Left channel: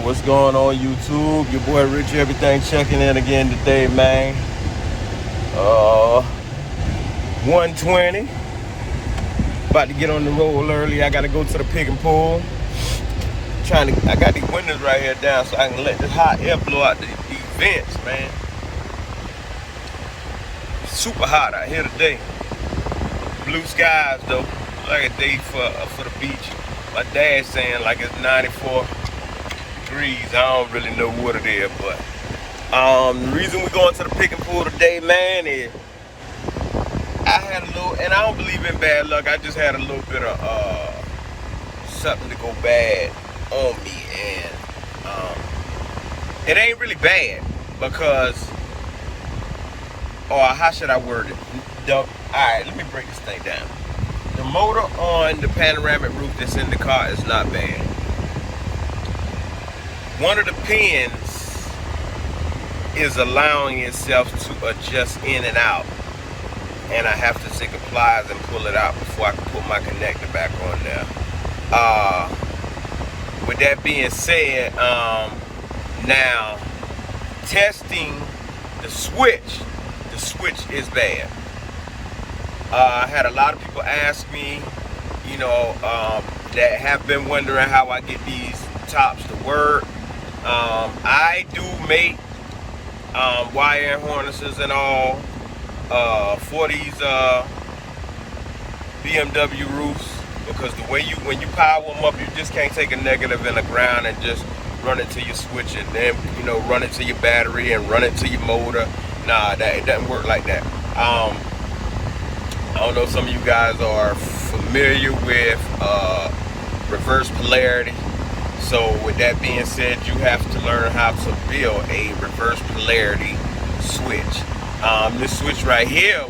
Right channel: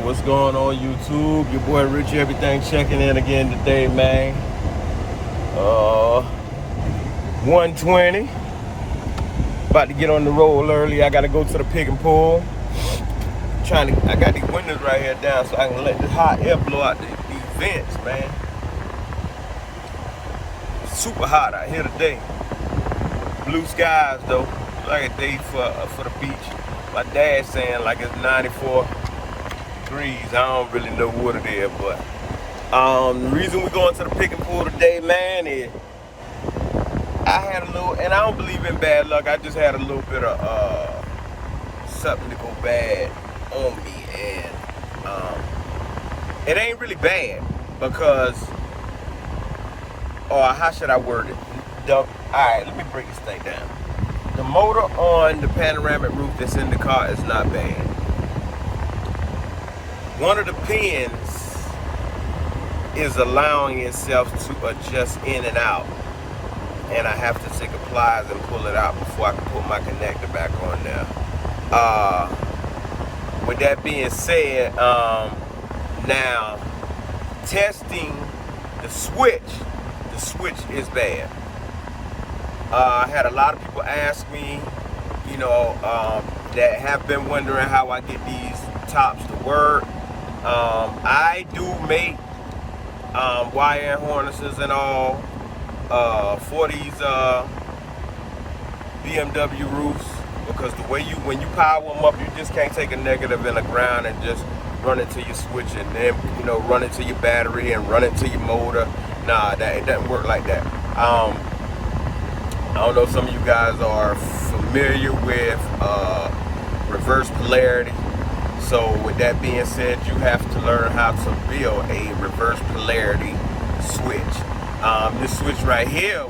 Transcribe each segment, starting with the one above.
What's going on YouTube? Your boy Richie, everything checking in again today, man. 1:20. About to get on the road early. I gotta go to the pick and pull. I got these windows right here down so I can let this hot air blow out these vents, man. It's super hot out here today. Blue skies though, like a day for the beach. My dad's saying like it's 94 degrees. I don't really know what it is, but the reason we're going to the pick and pull today, man, is I had a little, and I don't believe in bad luck. I just had a little bit of something to go bad on me, and it ain't really bad because, or how should I word it? All right, let me break this thing down. The motor on the panoramic roof that's in the car is not bad. One of the pins is allowing itself to adjust in and out, and I have to take a pliers and pull it out before I can put my connector back on there. With that being said, now testing the switch is bad. I had a lot of people ask me, that have been wondering how I get these tops to work. I do make wire harnesses and all for these BMW roofs, because the way when you power them up, you just can't take a negative in the ground and just run it to your switch and then run it to your battery and run it to your motor. Nah, it doesn't work like that. I don't know if some of you guys are familiar with reverse polarity. So with that being said, you have to learn how to build a reverse polarity switch. This switch right here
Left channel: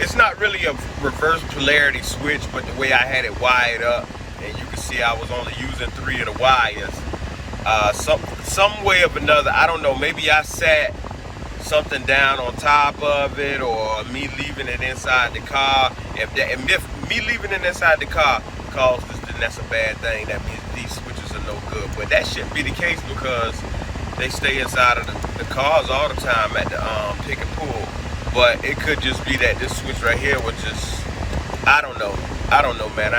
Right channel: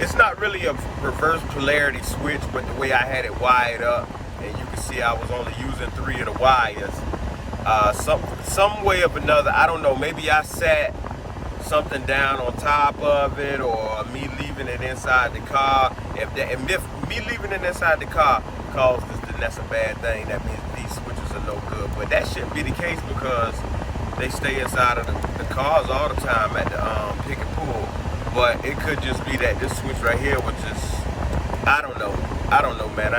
it's not really a reverse polarity switch, but the way I had it wired up, and you can see I was only using 3 of the wires. Some way of another, I don't know, maybe I sat something down on top of it, or me leaving it inside the car. If me leaving it inside the car caused this, then that's a bad thing. That means these switches are no good. But that shouldn't be the case because they stay inside of the cars all the time at the pick and pull. But it could just be that this switch right here was just, I don't know, man.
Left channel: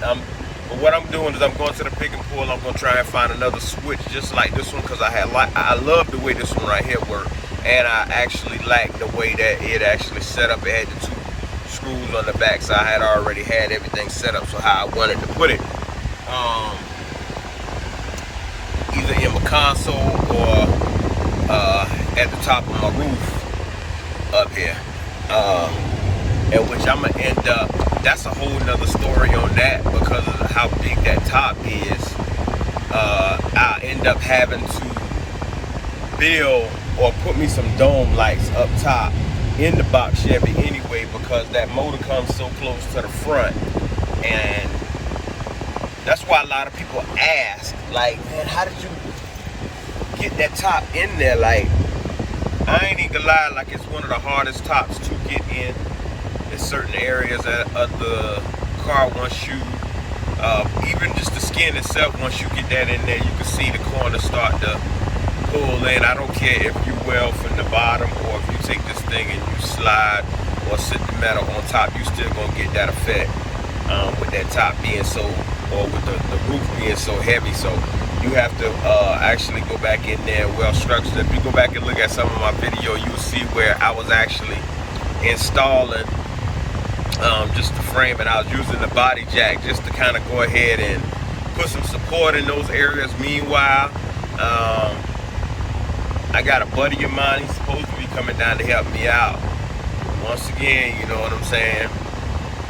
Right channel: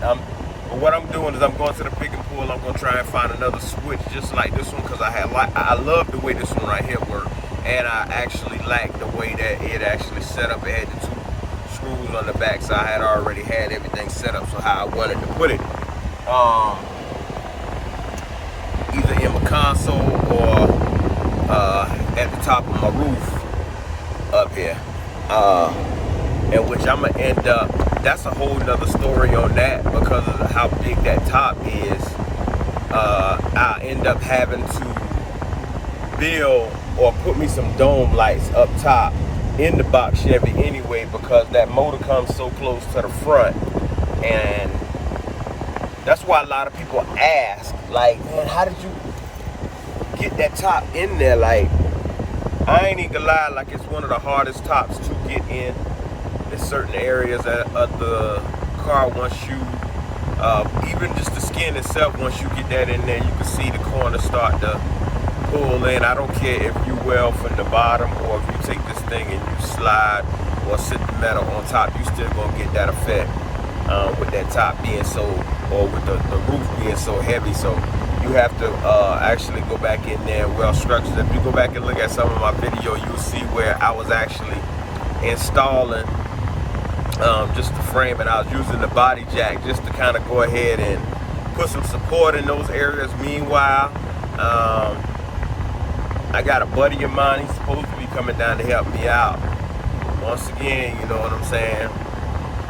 But what I'm doing is I'm going to the pick and pull. I'm gonna try and find another switch just like this one, because I love the way this one right here works. And I actually like the way that it actually set up. It had the 2 screws on the back, so I had already had everything set up so how I wanted to put it. Either in my console or at the top of my roof up here. And which I'm gonna end up, that's a whole nother story on that, because of how big that top is. I'll end up having to build or put me some dome lights up top in the box Chevy anyway, because that motor comes so close to the front. And that's why a lot of people ask, like, man, how did you get that top in there? Like, I ain't even gonna lie, like, it's one of the hardest tops to get in certain areas of the car. Once you even just the skin itself, once you get that in there, you can see the corner start to pull in. I don't care if you weld from the bottom or if you take this thing and you slide or sit the metal on top, you still gonna get that effect with that top being so, or with the roof being so heavy. So you have to actually go back in there well structured. If you go back and look at some of my video, you'll see where I was actually installing just the frame, and I was using the body jack just to kind of go ahead and put some support in those areas. Meanwhile, I got a buddy of mine, he's supposed to be coming down to help me out. Once again, you know what I'm saying?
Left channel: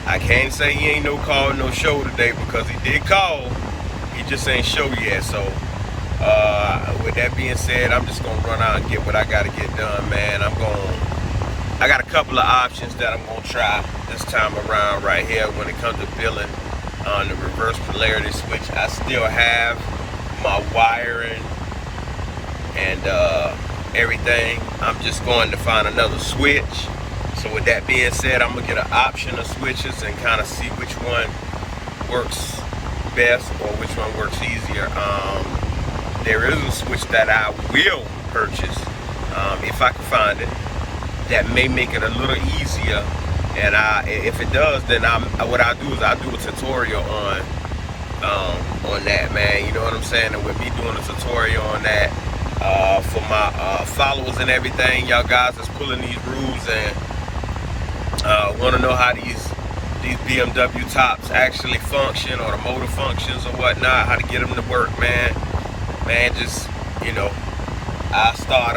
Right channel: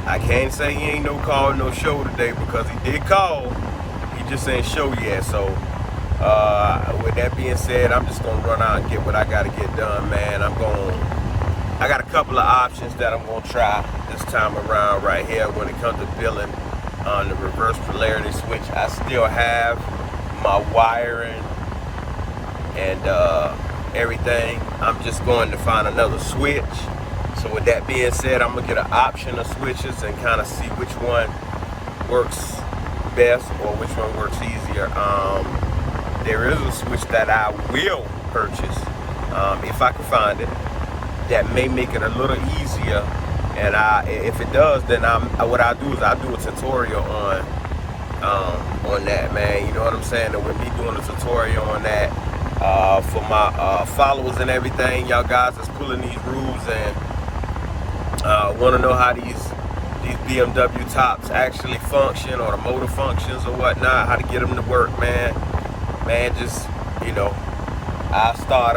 I can't say he ain't no call, no show today, because he did call. He just ain't show yet. So with that being said, I'm just gonna run out and get what I gotta get done, man. I got a couple of options that I'm gonna try this time around right here when it comes to building on the reverse polarity switch. I still have my wiring and everything. I'm just going to find another switch. So with that being said, I'm gonna get an option of switches and kind of see which one works best or which one works easier. There is a switch that I will purchase if I can find it, that may make it a little easier. And if it does, then what I do is I do a tutorial on that, man. You know what I'm saying? And with me doing a tutorial on that for my followers and everything, y'all guys that's pulling these rules and want to know how these BMW tops actually function, or the motor functions or whatnot, how to get them to work, man, just, you know, I start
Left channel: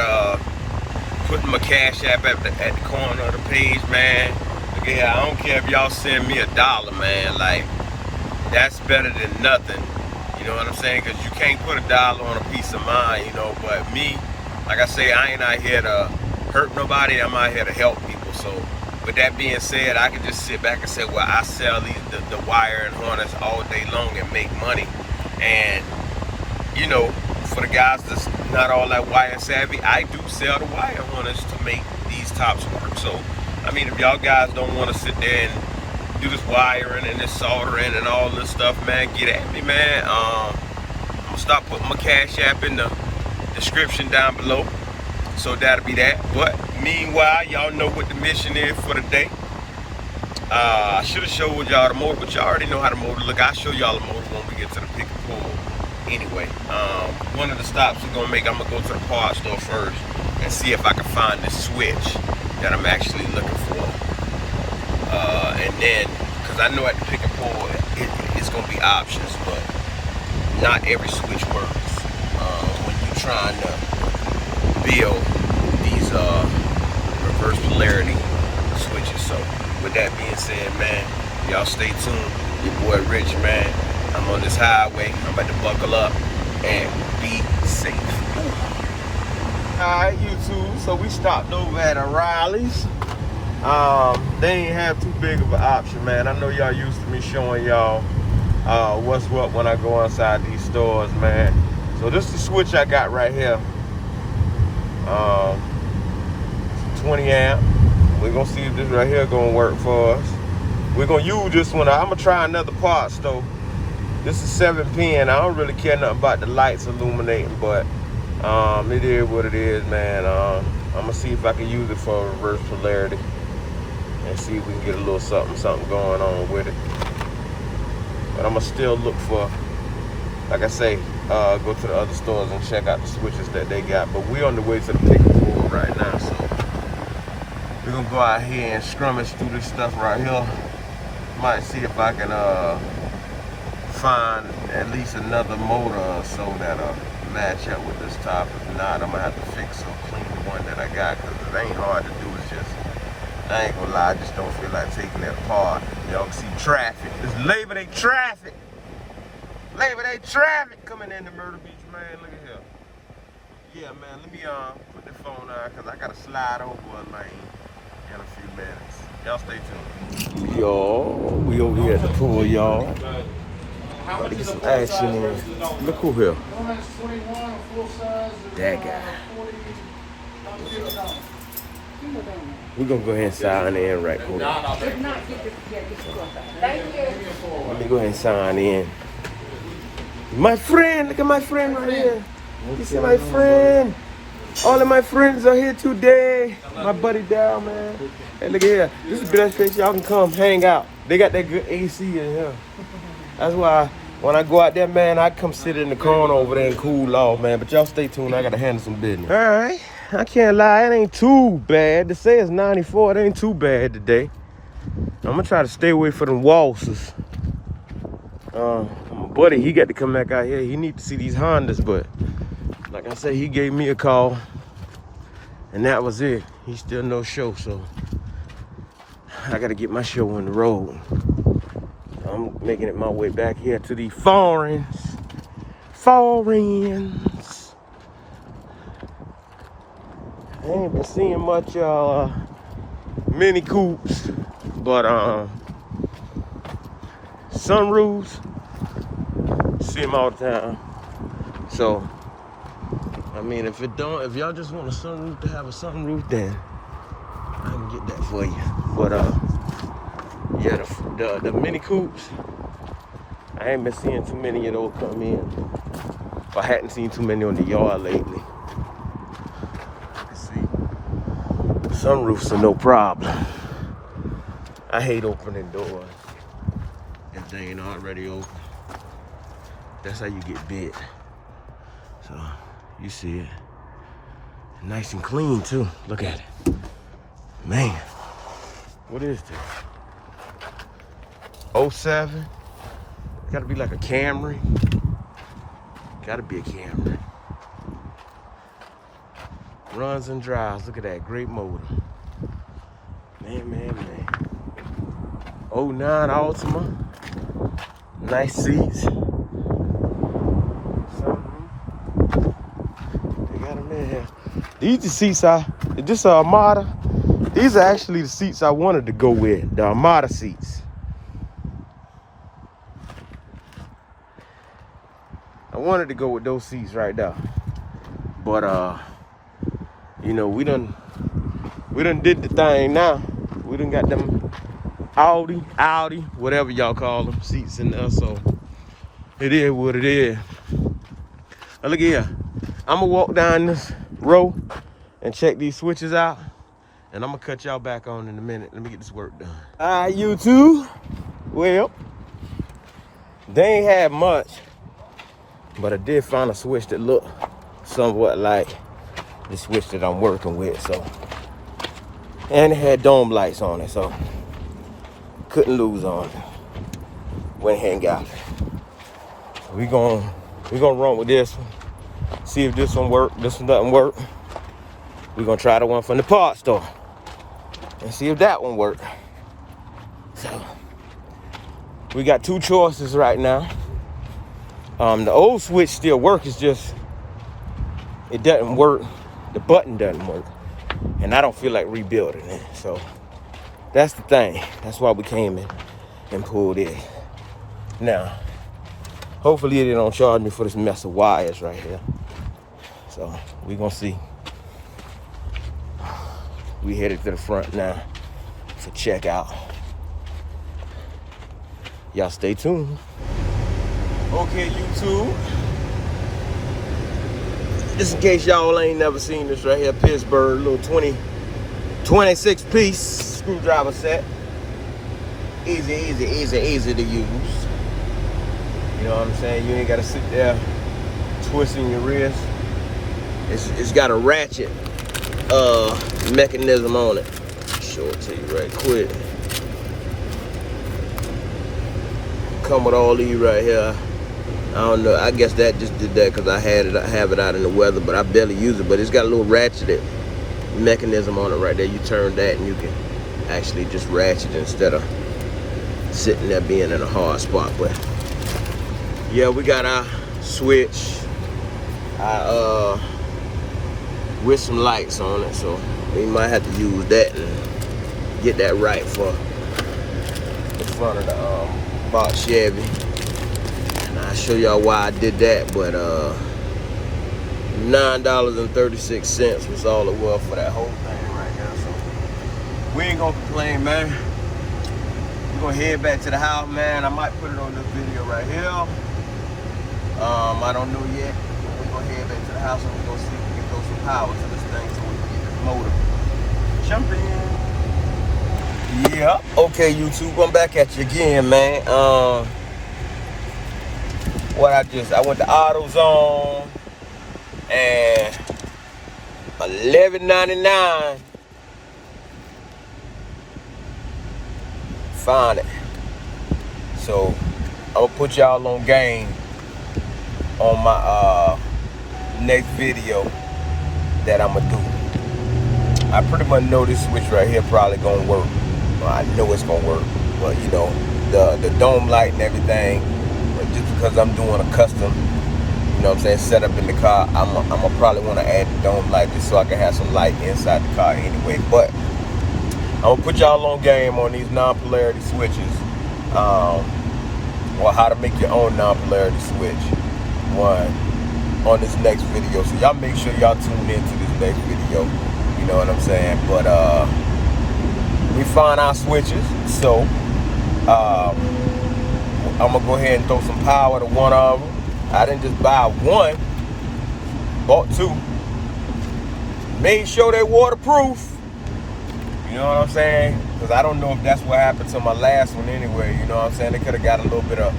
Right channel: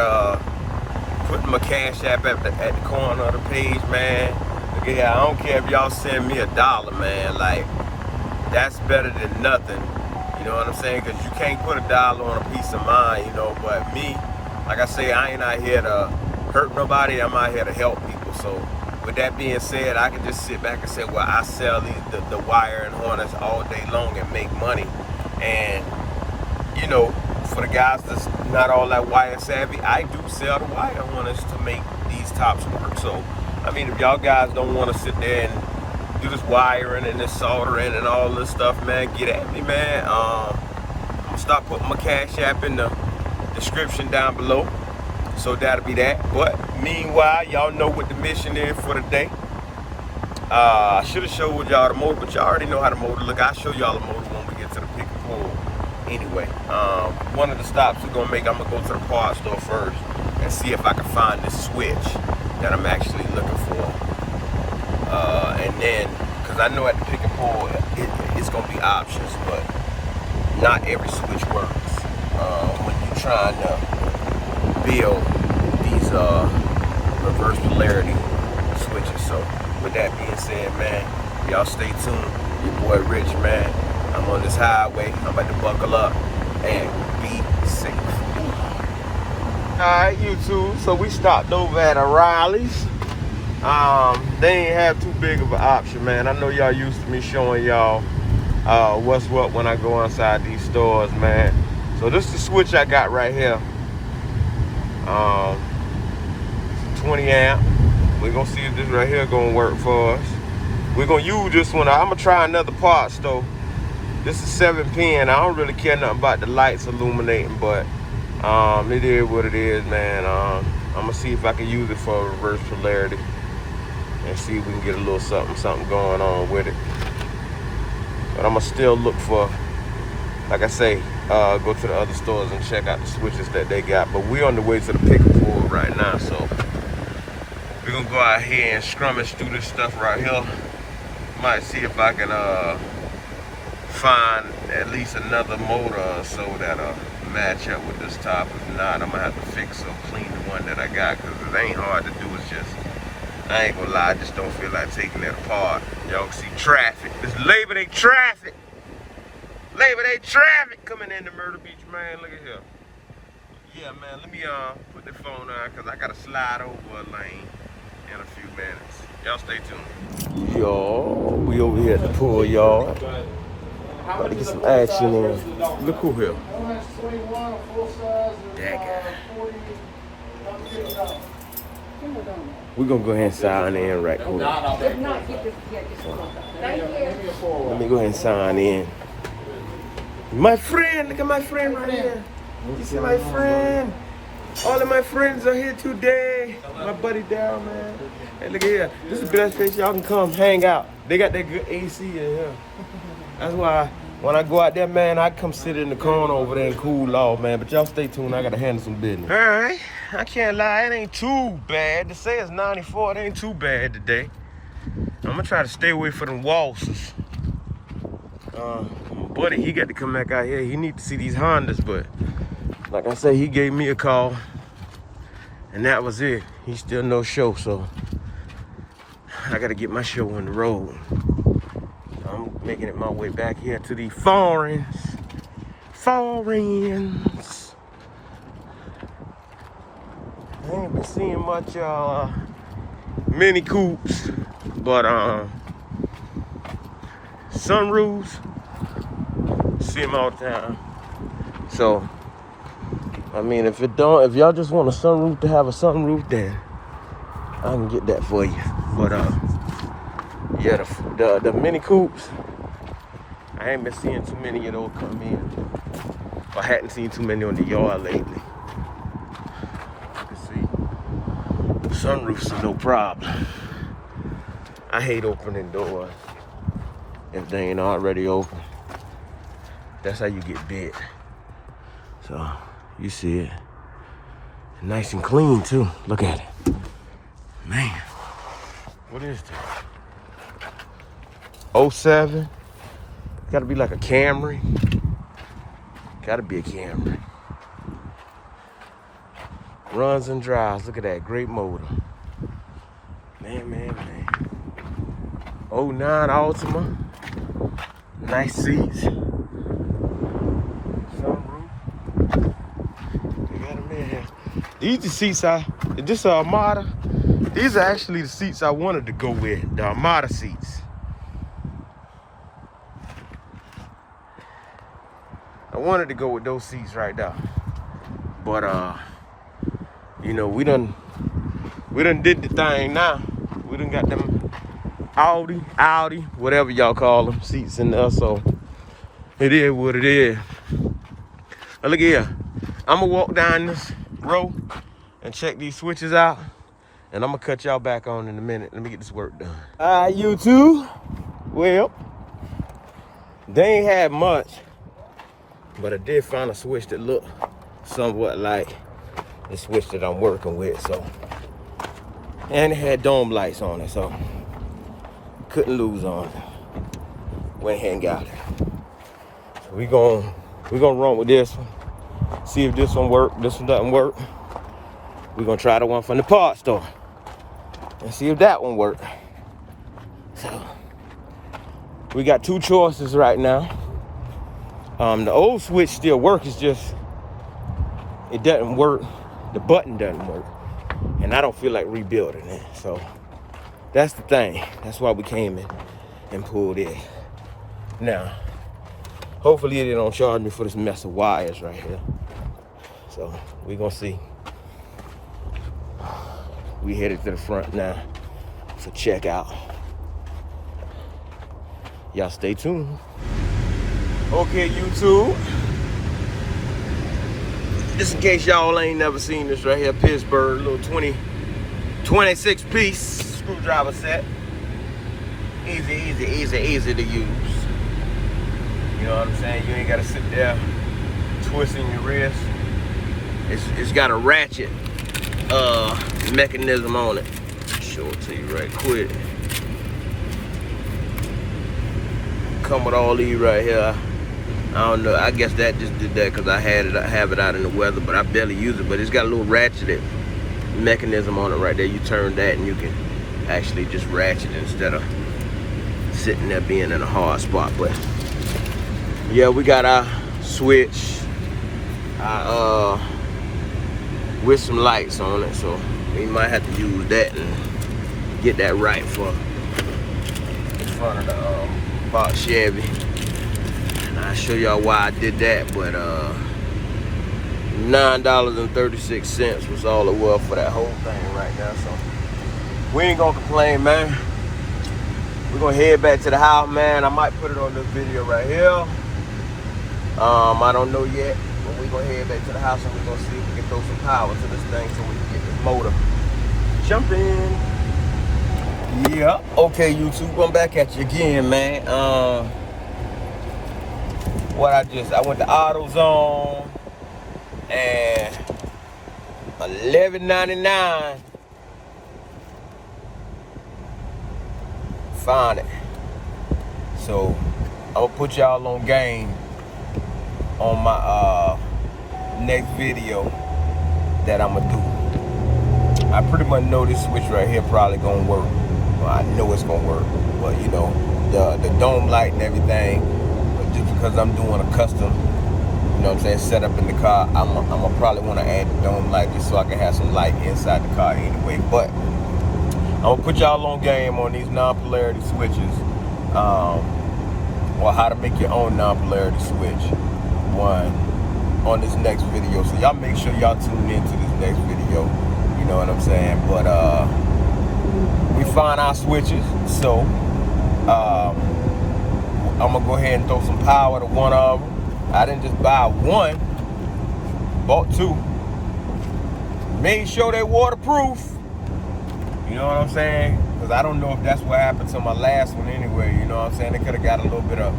putting my Cash App at the corner of the page, man. Look at here, I don't care if y'all send me $1, man. Like, that's better than nothing. You know what I'm saying? Because you can't put $1 on a peace of mind, you know. But me, like I say, I ain't out here to hurt nobody. I'm out here to help people. So with that being said, I could just sit back and say, well, I sell the wire and harness all day long and make money. And, you know, for the guys that's not all that wire savvy, I do sell the wire harness to make these tops work. So, I mean, if y'all guys don't want to sit there and do this wiring and this soldering and all this stuff, man, get at me, man. I'm gonna start putting my Cash App in the description down below. So that'll be that. But meanwhile, y'all know what the mission is for the day. I should have showed y'all the motor, but y'all already know how the motor look. I'll show y'all the motor when we get to the pick and pull. Anyway, one of the stops we're gonna make, I'm gonna go to the parts store first and see if I can find this switch that I'm actually looking for. And then, cause I know at the pick and pull, it's gonna be options, but not every switch works when you're trying to build these reverse polarity switches. So with that being said, man, y'all stay tuned. Your boy Rich, man. I'm on this highway. I'm about to buckle up and be safe. Alright, YouTube. So we stopped over at O'Reilly's. They ain't have too big of an option, man. I know y'all used to me showing y'all what's what when I go inside these stores, man. So this is the switch I got right here. 20 amp. We're gonna see if this right here gonna work for us. We're gonna use this one. I'm gonna try another parts though. This is 7 pin. I don't really care nothing about the lights illuminating, but it is what it is, man. I'm gonna see if I can use it for reverse polarity and see if we can get a little something going on with it. But I'm gonna still look for, like I say, go to the other stores and check out the switches that they got. But we're on the way to the pick and pull right now, so we're gonna go out here and scrummage through this stuff right here. Might see if I can find at least another motor or so that'll match up with this top. If not, I'm gonna have to fix or clean the one that I got, because it ain't hard to do. It's just, I ain't gonna lie, I just don't feel like taking it apart. Y'all can see traffic. It's Labor Day traffic. Labor Day traffic coming into Myrtle Beach, man. Look at here. Yeah, man, let me put the phone on, because I gotta slide over a lane in a few minutes. Y'all stay tuned. Yo, we over here at the pool yard. About to get some action in. Look who here. That guy. We're gonna go ahead and sign in right quick. Let me go ahead and sign in. My friend, look at my friend right here. You see my friend? All of my friends are here today. My buddy down, man. Hey, look at here. This is the best place y'all can come hang out. They got that good AC in here. That's why when I go out there, man, I come sit in the corner over there and cool off, man. But y'all stay tuned. I gotta handle some business. All right. I can't lie. It ain't too bad. To say it's 94, it ain't too bad today. I'm gonna try to stay away from them waltzes. My buddy, he got to come back out here. He need to see these Hondas, but like I say, he gave me a call, and that was it. He still no show, so I gotta get my show on the road. I'm making it my way back here to the foreigns. I ain't been seeing much Mini Coupes, but Sunroofs, see them all the time. So I mean, if y'all just want a sunroof to have a sunroof, then I can get that for you. But yeah, the Mini Coupes, I I ain't been seeing too many of those come in. I hadn't seen too many on the yard lately. Let's see. Sunroofs are no problem. I hate opening doors if they ain't already open. That's how you get bit. So, you see it. Nice and clean, too. Look at it. Man, what is this? 07? Gotta be like a Camry. Gotta be a Camry. Runs and drives. Look at that. Great motor. Man. 09 Altima. Nice seats. Sunroof. We got them in here. These the seats this Armada. These are actually the seats I wanted to go with. The Armada seats. I wanted to go with those seats right there. But you know, we done did the thing now. We done got them Audi, whatever y'all call them, seats in there, so it is what it is. Now look here. I'm gonna walk down this row and check these switches out, and I'm gonna cut y'all back on in a minute. Let me get this work done. All right, YouTube. Well, they ain't had much, but I did find a switch that looked somewhat like the switch that I'm working with, so. And it had dome lights on it, so couldn't lose on it. Went ahead and got it. We gonna run with this one. See if this one work. This one doesn't work. We're gonna try the one from the parts store and see if that one works. So we got two choices right now. The old switch still works, it's just it doesn't work. The button doesn't work. And I don't feel like rebuilding it. So that's the thing. That's why we came in and pulled it. Now, hopefully they don't charge me for this mess of wires right here. So we're gonna see. We headed to the front now to check out. Y'all stay tuned. Okay, YouTube. Just in case y'all ain't never seen this right here, Pittsburgh, little 26 piece screwdriver set. Easy to use. You know what I'm saying? You ain't gotta sit there twisting your wrist. It's got a ratchet mechanism on it. I'll show it to you right quick. Come with all these right here. I don't know, I guess that just did that because I have it out in the weather, but I barely use it. But it's got a little ratcheted mechanism on it right there. You turn that and you can actually just ratchet instead of sitting there being in a hard spot. But yeah, we got our switch with some lights on it, so we might have to use that and get that right for the front of the box Chevy. I'll show y'all why I did that, but $9.36 was all it was for that whole thing right now. So we ain't gonna complain, man. We're gonna head back to the house, man. I might put it on this video right here. I don't know yet, but we're gonna head back to the house and we're gonna see if we can throw some power to this thing so we can get this motor jumping. Yeah. Okay, YouTube, I'm back at you again, man. I went to AutoZone and $11.99. Found it. So I'm gonna put y'all on game on my next video that I'm gonna do. I pretty much know this switch right here probably gonna work. Well, I know it's gonna work, but you know, the dome light and everything. Just because I'm doing a custom, you know what I'm saying, setup in the car, I'm gonna probably want to add the dome light just so I can have some light inside the car anyway. But I'm gonna put y'all on game on these non-polarity switches, or how to make your own non-polarity switch on this next video. So y'all make sure y'all tune into this next video, you know what I'm saying. But we find our switches, so I'm gonna go ahead and throw some power to one of them. I didn't just buy one, bought two. Made sure they waterproof. You know what I'm saying? Because I don't know if that's what happened to my last one anyway. You know what I'm saying? They could have got a little bit of,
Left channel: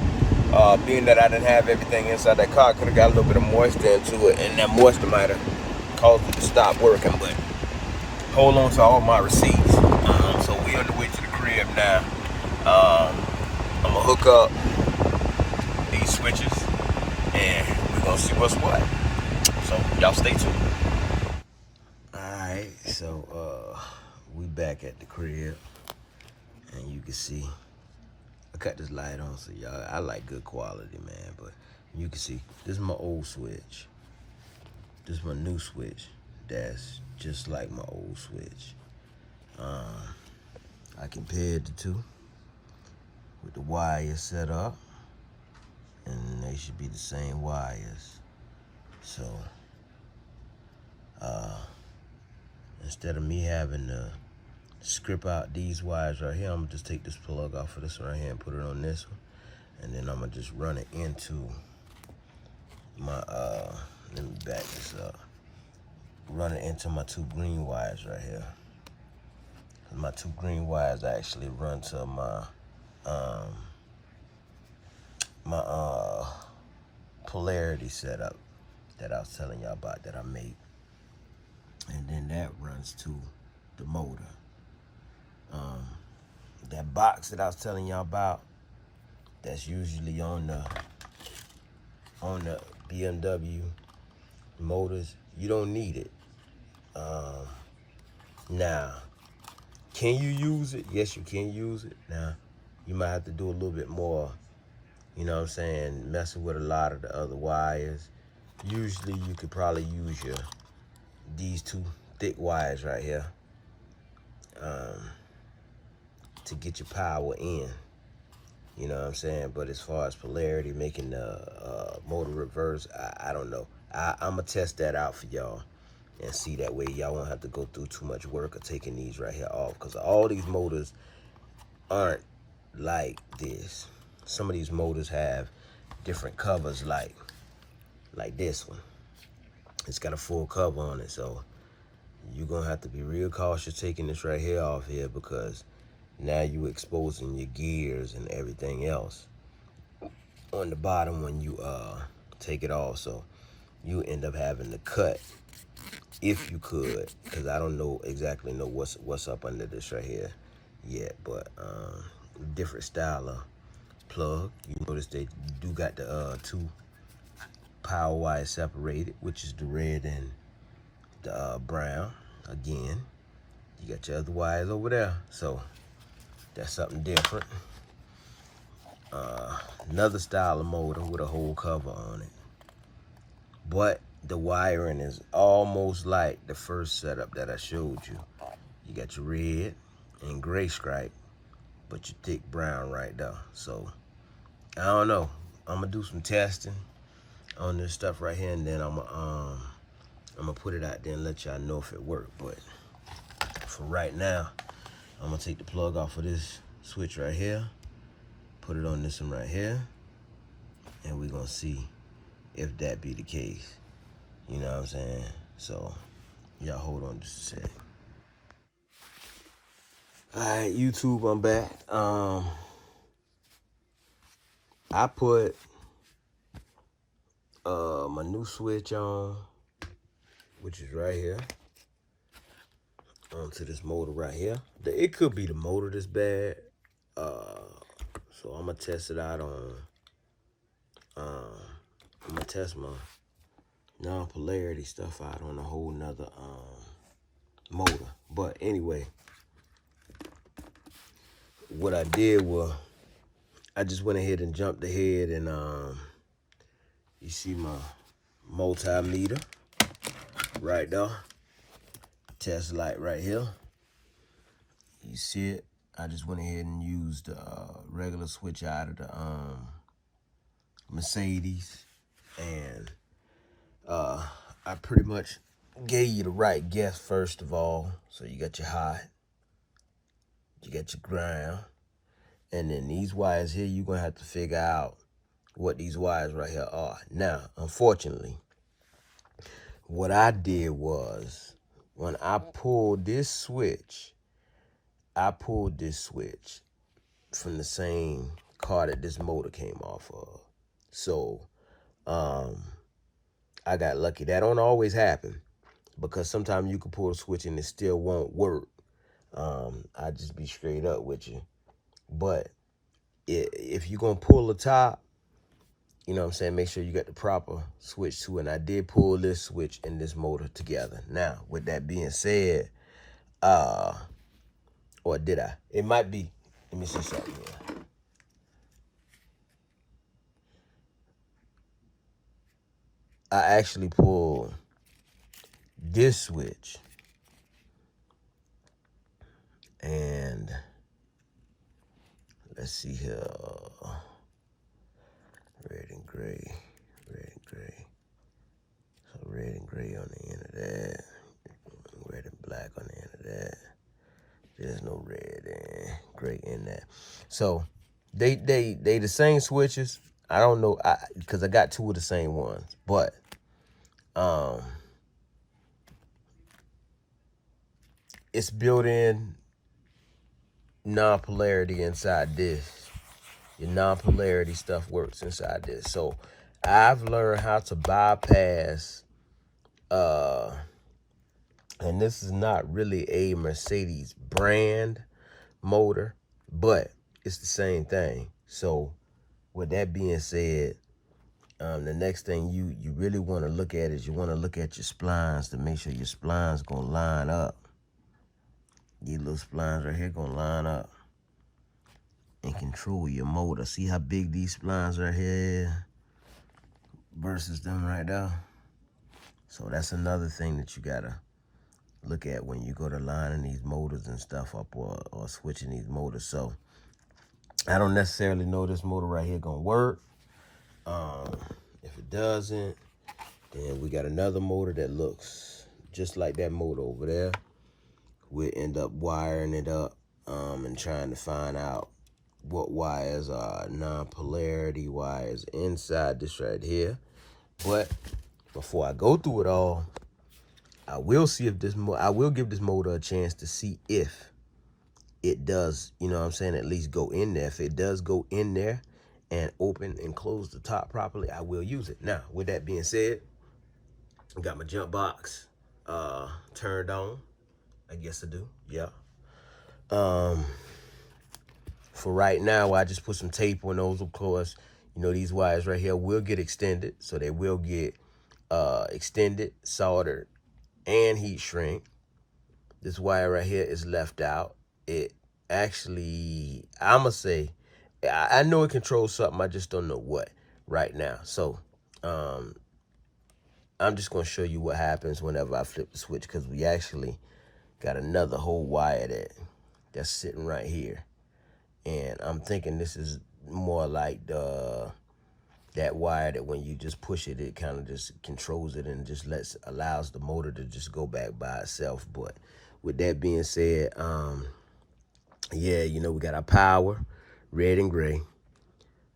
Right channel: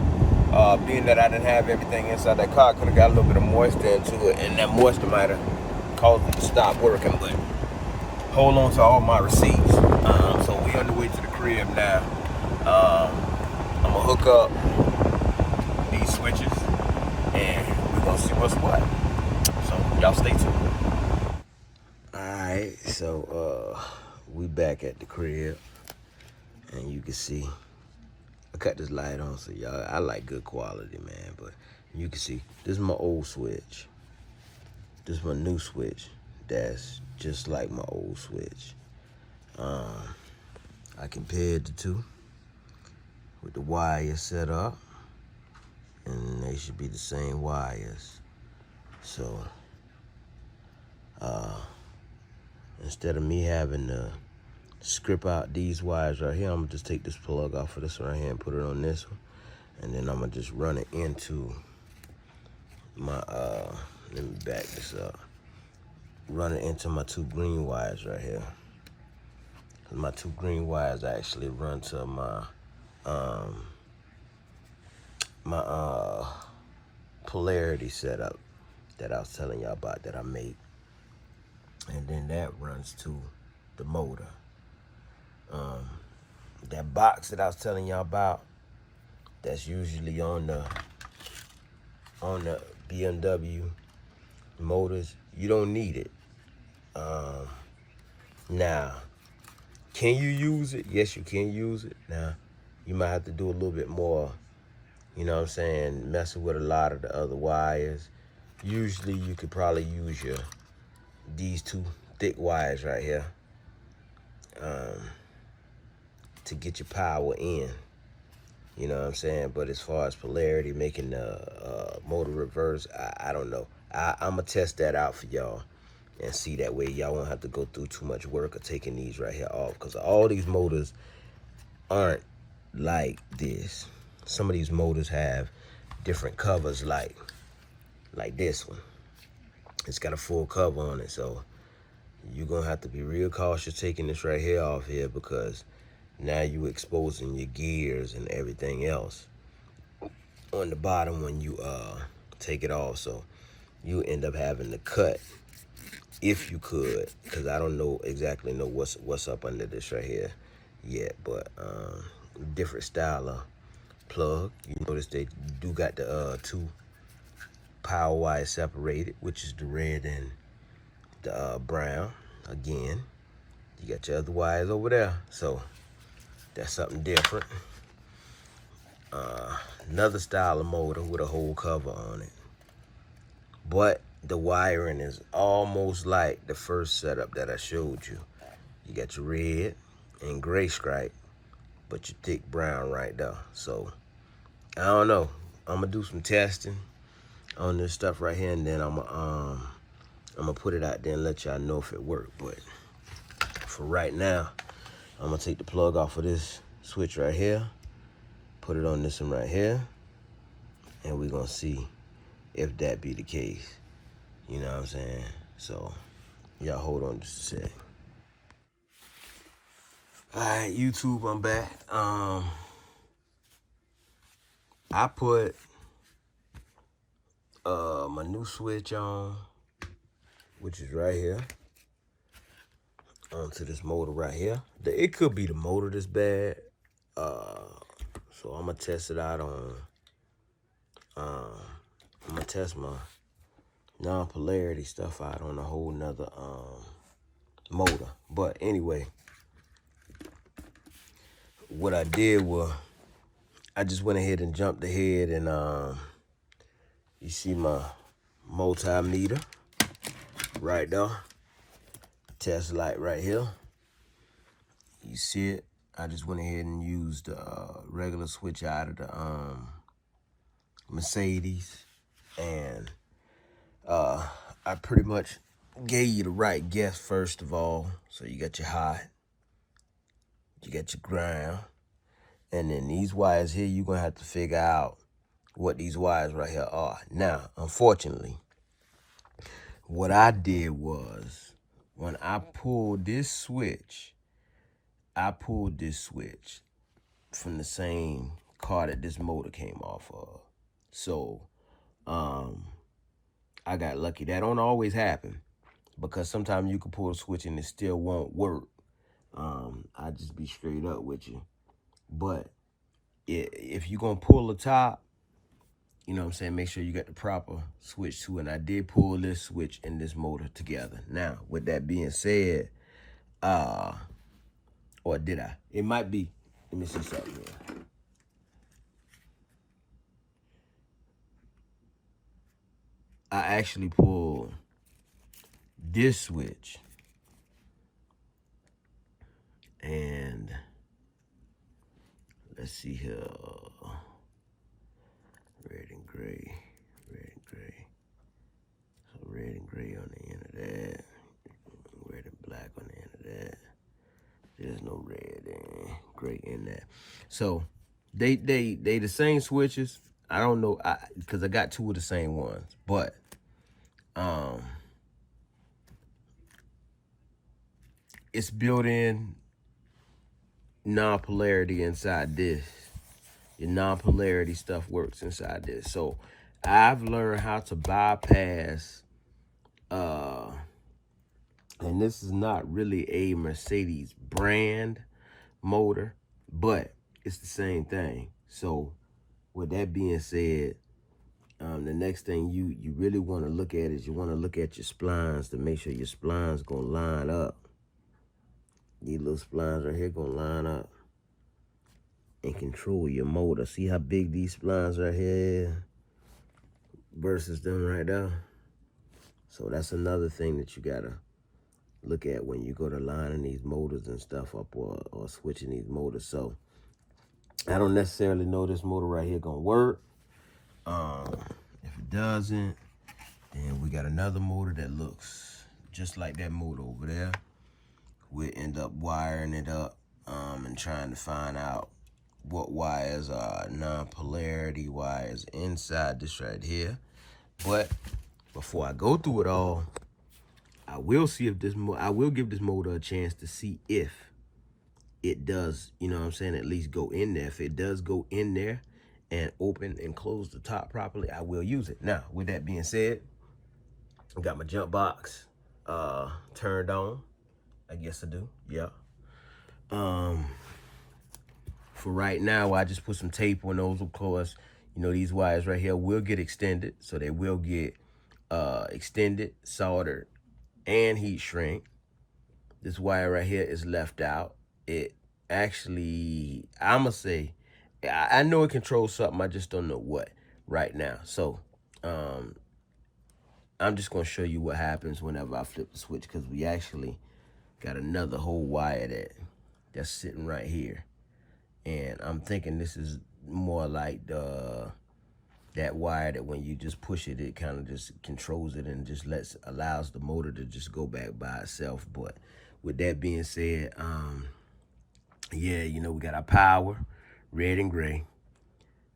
being that I didn't have everything inside that car, could have got a little bit of moisture into it, and that moisture might have caused it to stop working. But hold on to all my receipts. So we on the way to the crib now. I'm gonna hook up these switches, and we're gonna see what's what. So y'all stay tuned. Alright, so we back at the crib, and you can see I cut this light on, so y'all, I like good quality, man. But you can see this is my old switch, this is my new switch that's just like my old switch. I compared the two with the wires set up, and they should be the same wires. So instead of me having to strip out these wires right here, I'm gonna just take this plug off of this one right here and put it on this one, and then I'm gonna just run it into my let me back this up, run it into my two green wires right here. My two green wires actually run to my polarity setup that I was telling y'all about that I made, and then that runs to the motor. That box that I was telling y'all about, that's usually on the BMW motors, you don't need it. Now, can you use it? Yes, you can use it. Now, you might have to do a little bit more, you know what I'm saying, messing with a lot of the other wires. Usually, you could probably use these two thick wires right here to get your power in. You know what I'm saying? But as far as polarity, making the motor reverse, I don't know. I'm going to test that out for y'all and see, that way y'all won't have to go through too much work of taking these right here off, because all these motors aren't like this. Some of these motors have different covers, like this one. It's got a full cover on it, so you're going to have to be real cautious taking this right here off here, because now you're exposing your gears and everything else on the bottom when you take it off. So you end up having to cut, if you could, because I don't know exactly what's up under this right here yet, but different style of plug. You notice they do got the two power wires separated, which is the red and the brown. Again, you got your other wires over there, so that's something different. Another style of motor with a whole cover on it, but the wiring is almost like the first setup that I showed you. You got your red and gray stripe, but your thick brown right there. So I don't know. I'm gonna do some testing on this stuff right here, and then I'm gonna put it out there and let y'all know if it worked. But for right now, I'm gonna take the plug off of this switch right here, put it on this one right here, and we're gonna see if that be the case. You know what I'm saying? So y'all hold on just a sec. All right, YouTube, I'm back. I put my new switch on, which is right here, onto this motor right here. It could be the motor that's bad. So I'm gonna test it out on, I'm gonna test my non-polarity stuff out on a whole nother motor. But anyway, what I did was I just went ahead and jumped ahead, and you see my multimeter right there, test light right here. You see it? I just went ahead and used the regular switch out of the Mercedes, and I pretty much gave you the right guess first of all. So you got your hot, you got your ground, And then these wires here, you're going to have to figure out what these wires right here are. Now, unfortunately, what I did was, when I pulled this switch, I pulled this switch from the same car that this motor came off of. So, I got lucky. That don't always happen, because sometimes you can pull a switch and it still won't work. I just be straight up with you. But if you're going to pull the top, you know what I'm saying, make sure you got the proper switch to it. And I did pull this switch and this motor together. Now, with that being said, or did I? It might be. Let me see something here. I actually pulled this switch. And let's see here. Red and gray. Red and gray. So red and gray on the end of that. Red and black on the end of that. There's no red and gray in that. So they the same switches. I don't know, because I got two of the same ones, but it's built-in non-polarity inside this. Your non-polarity stuff works inside this. So I've learned how to bypass, and this is not really a Mercedes brand motor, but it's the same thing. So with that being said, the next thing you really want to look at is you want to look at your splines to make sure your splines gonna line up. These little splines right here gonna line up and control your motor. See how big these splines right here versus them right there? So that's another thing that you gotta look at when you go to lining these motors and stuff up, or switching these motors. So I don't necessarily know this motor right here gonna work. If it doesn't, then we got another motor that looks just like that motor over there. We'll end up wiring it up and trying to find out what wires are non-polarity wires inside this right here. But before I go through it all, I will see if I will give this motor a chance to see if it does, you know what I'm saying, at least go in there. If it does go in there and open and close the top properly, I will use it. Now, with that being said, I got my jump box turned on. I guess I do, yeah. For right now, I just put some tape on those. Of course, you know, these wires right here will get extended, so they will get extended, soldered, and heat shrink. This wire right here is left out. It actually, I'ma say, I know it controls something, I just don't know what right now. So I'm just gonna show you what happens whenever I flip the switch, because we actually got another whole wire that's sitting right here. And I'm thinking this is more like that wire that when you just push it, it kind of just controls it and just allows the motor to just go back by itself. But with that being said, yeah, you know, we got our power, red and gray,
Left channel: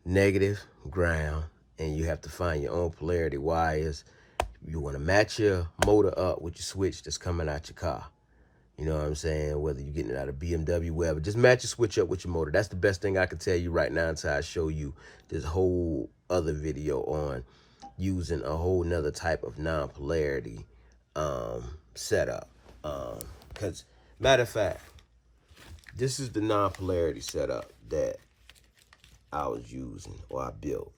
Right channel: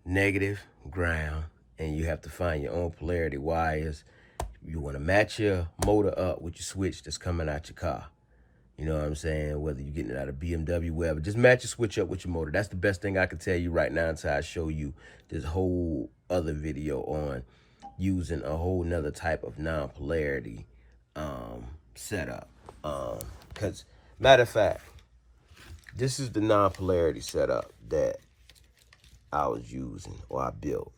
negative, ground, and you have to find your own polarity wires. You want to match your motor up with your switch that's coming out your car. You know what I'm saying? Whether you're getting it out of BMW, wherever, just match your switch up with your motor. That's the best thing I can tell you right now until I show you this whole other video on using a whole nother type of non-polarity setup. Because, matter of fact, this is the non-polarity setup that I was using, or I built.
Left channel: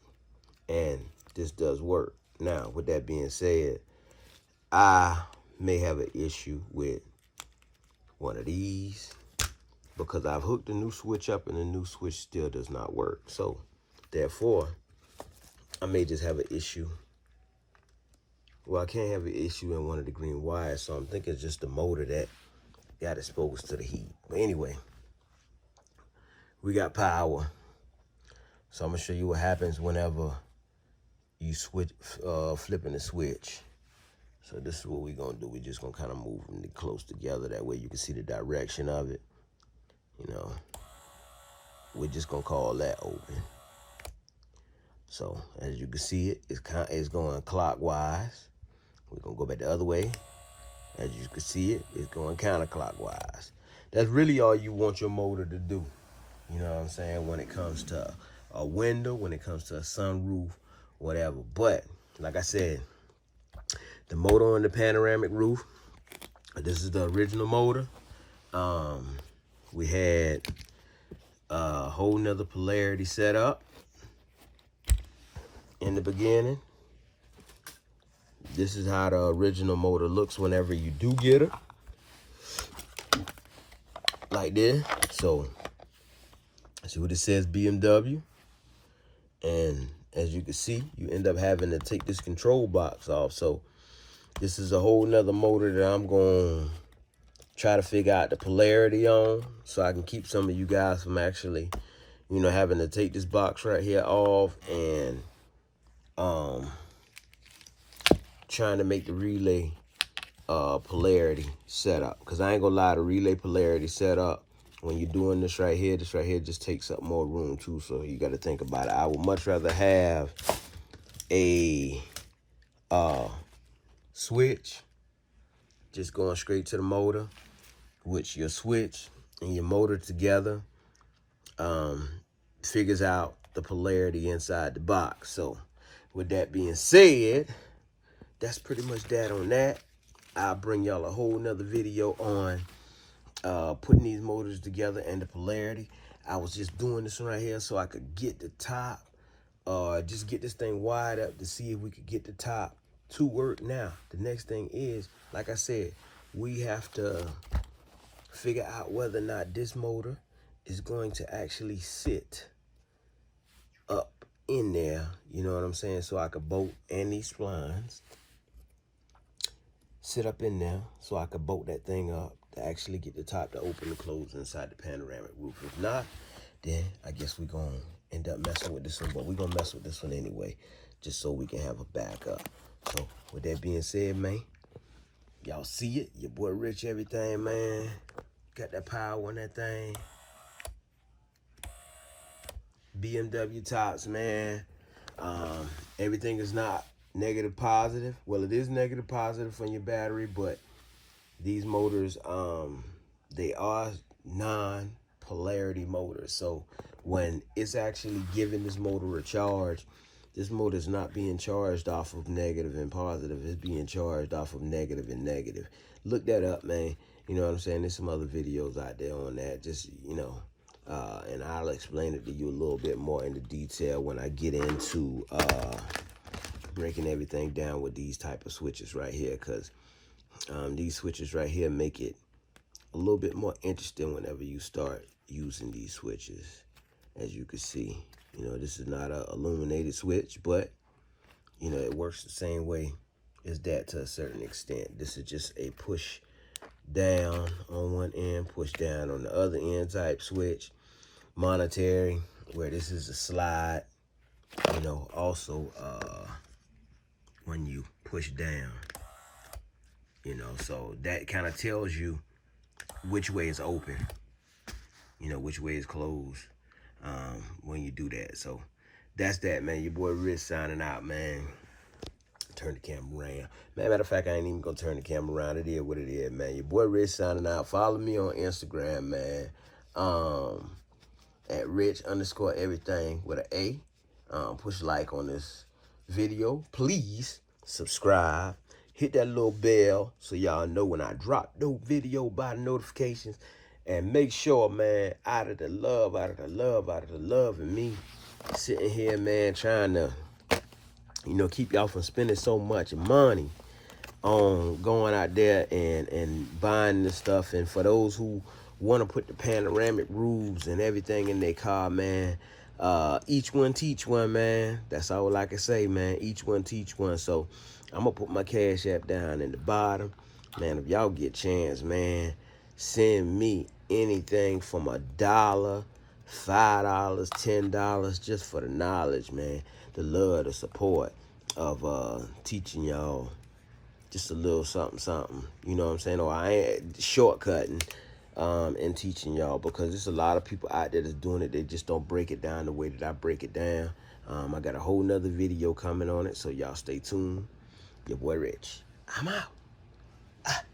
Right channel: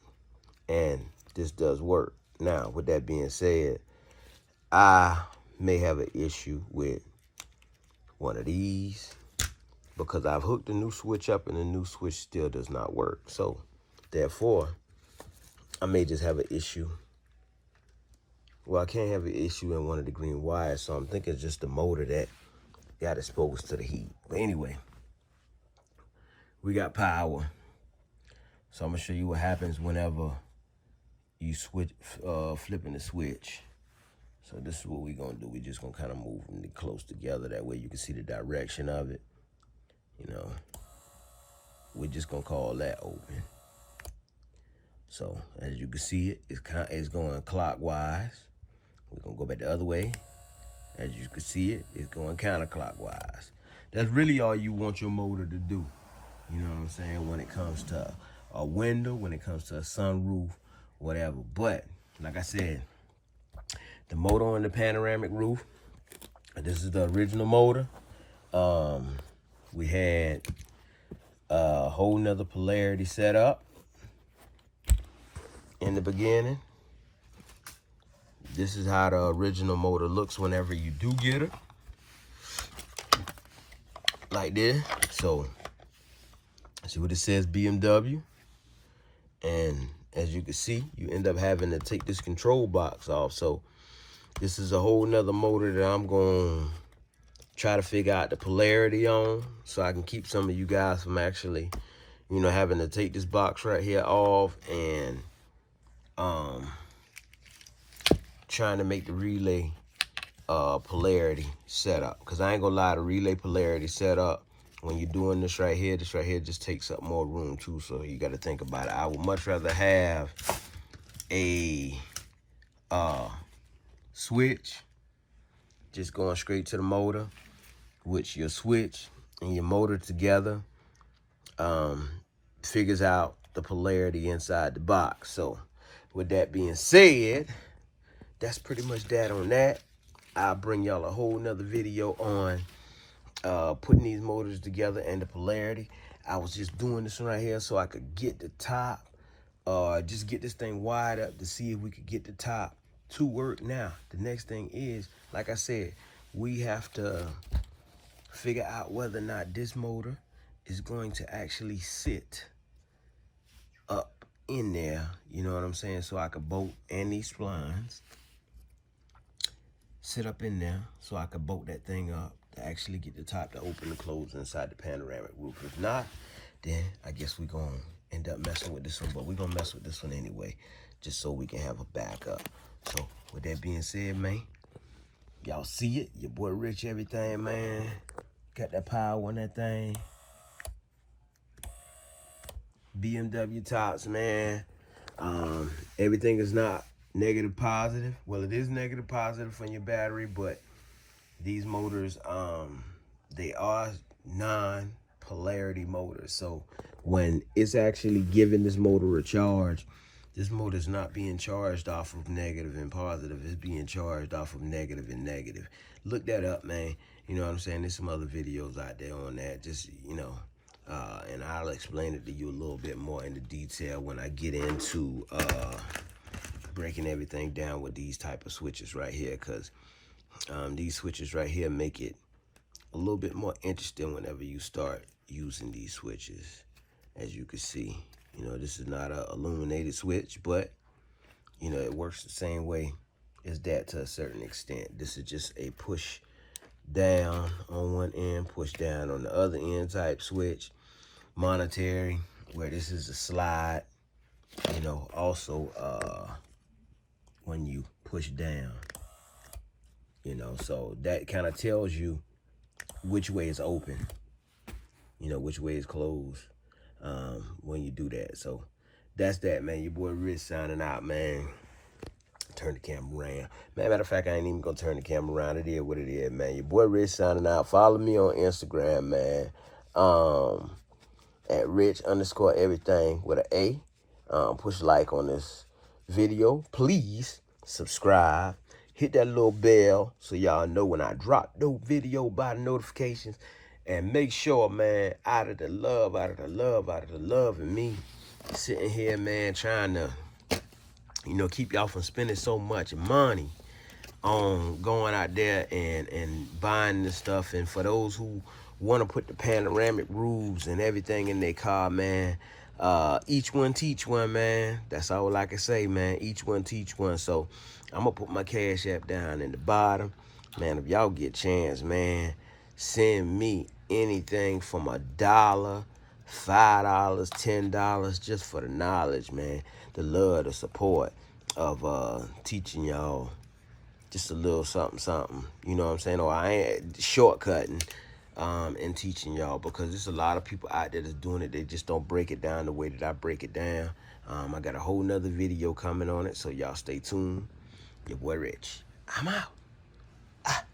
And this does work. Now, with that being said, I may have an issue with one of these because I've hooked the new switch up and the new switch still does not work. So therefore, I may just have an issue. Well, I can't have an issue in one of the green wires, so I'm thinking it's just the motor that got exposed to the heat. But anyway, we got power. So I'm gonna show you what happens whenever you switch, flipping the switch. So this is what we're gonna do. We're just gonna kind of move them close together. That way you can see the direction of it, you know. we're just gonna call that open. So as you can see, it's going clockwise. We're gonna go back the other way. As you can see, it's going counterclockwise. That's really all you want your motor to do. You know what I'm saying? When it comes to a window, when it comes to a sunroof, whatever. But like I said, the motor on the panoramic roof, this is the original motor. We had a whole nother polarity set up in the beginning. This is how the original motor looks whenever you do get it. Like this. So, see what it says, BMW. And as you can see, you end up having to take this control box off. So, this is a whole nother motor that I'm going to try to figure out the polarity on, so I can keep some of you guys from actually, you know, having to take this box right here off and trying to make the relay polarity setup. Because I ain't gonna lie, the relay polarity setup, when you're doing this right here just takes up more room too, so you got to think about it. I would much rather have a switch just going straight to the motor, which your switch and your motor together figures out the polarity inside the box. So with that being said, that's pretty much that on that. I'll bring y'all a whole nother video on putting these motors together and the polarity. I was just doing this right here so I could get the top, just get this thing wide up to see if we could get the top to work. Now, the next thing is, like I said, we have to figure out whether or not this motor is going to actually sit up in there, you know what I'm saying, so I could bolt, and these splines sit up in there so I could bolt that thing up to actually get the top to open and close inside the panoramic roof. If not, then I guess we're going to end up messing with this one, but we're going to mess with this one anyway, just so we can have a backup. So with that being said, man, y'all see it, your boy Rich, everything, man. Got that power on that thing. BMW tops, man. Everything is not negative positive. Well, it is negative positive from your battery, but these motors, they are non-polarity motors. So when it's actually giving this motor a charge, this motor is not being charged off of negative and positive. It's being charged off of negative and negative. Look that up, man. You know what I'm saying? There's some other videos out there on that. Just, you know, and I'll explain it to you a little bit more into detail when I get into breaking everything down with these type of switches right here. Because these switches right here make it a little bit more interesting whenever you start using these switches. As you can see, you know, this is not a illuminated switch, but, you know, it works the same way as that to a certain extent. This is just a push down on one end, push down on the other end type switch. Monetary, where this is a slide, you know, also when you push down, you know, so that kind of tells you which way is open, you know, which way is closed when you do that. So that's that, man. Your boy Rich signing out, man. Turn the camera around. Man, matter of fact, I ain't even gonna turn the camera around. It is what it is, man. Your boy Rich signing out. Follow me on Instagram, man. At Rich_everything with an A. Push like on this video. Please subscribe. Hit that little bell so y'all know when I drop no video by the notifications. And make sure, man, out of the love in me, sitting here, man, trying to, you know, keep y'all from spending so much money on going out there and buying this stuff. And for those who want to put the panoramic roofs and everything in their car, man, each one teach one, man. That's all I can say, man. Each one teach one. So I'm gonna put my Cash App down in the bottom, man. If y'all get a chance, man, send me anything from $1, $5, $10, just for the knowledge, man, the love, the support of teaching y'all just a little something, you know what I'm saying? Or I ain't shortcutting, and teaching y'all, because there's a lot of people out there that's doing it. They just don't break it down the way that I break it down. I got a whole nother video coming on it, so y'all stay tuned. Your boy Rich. I'm out.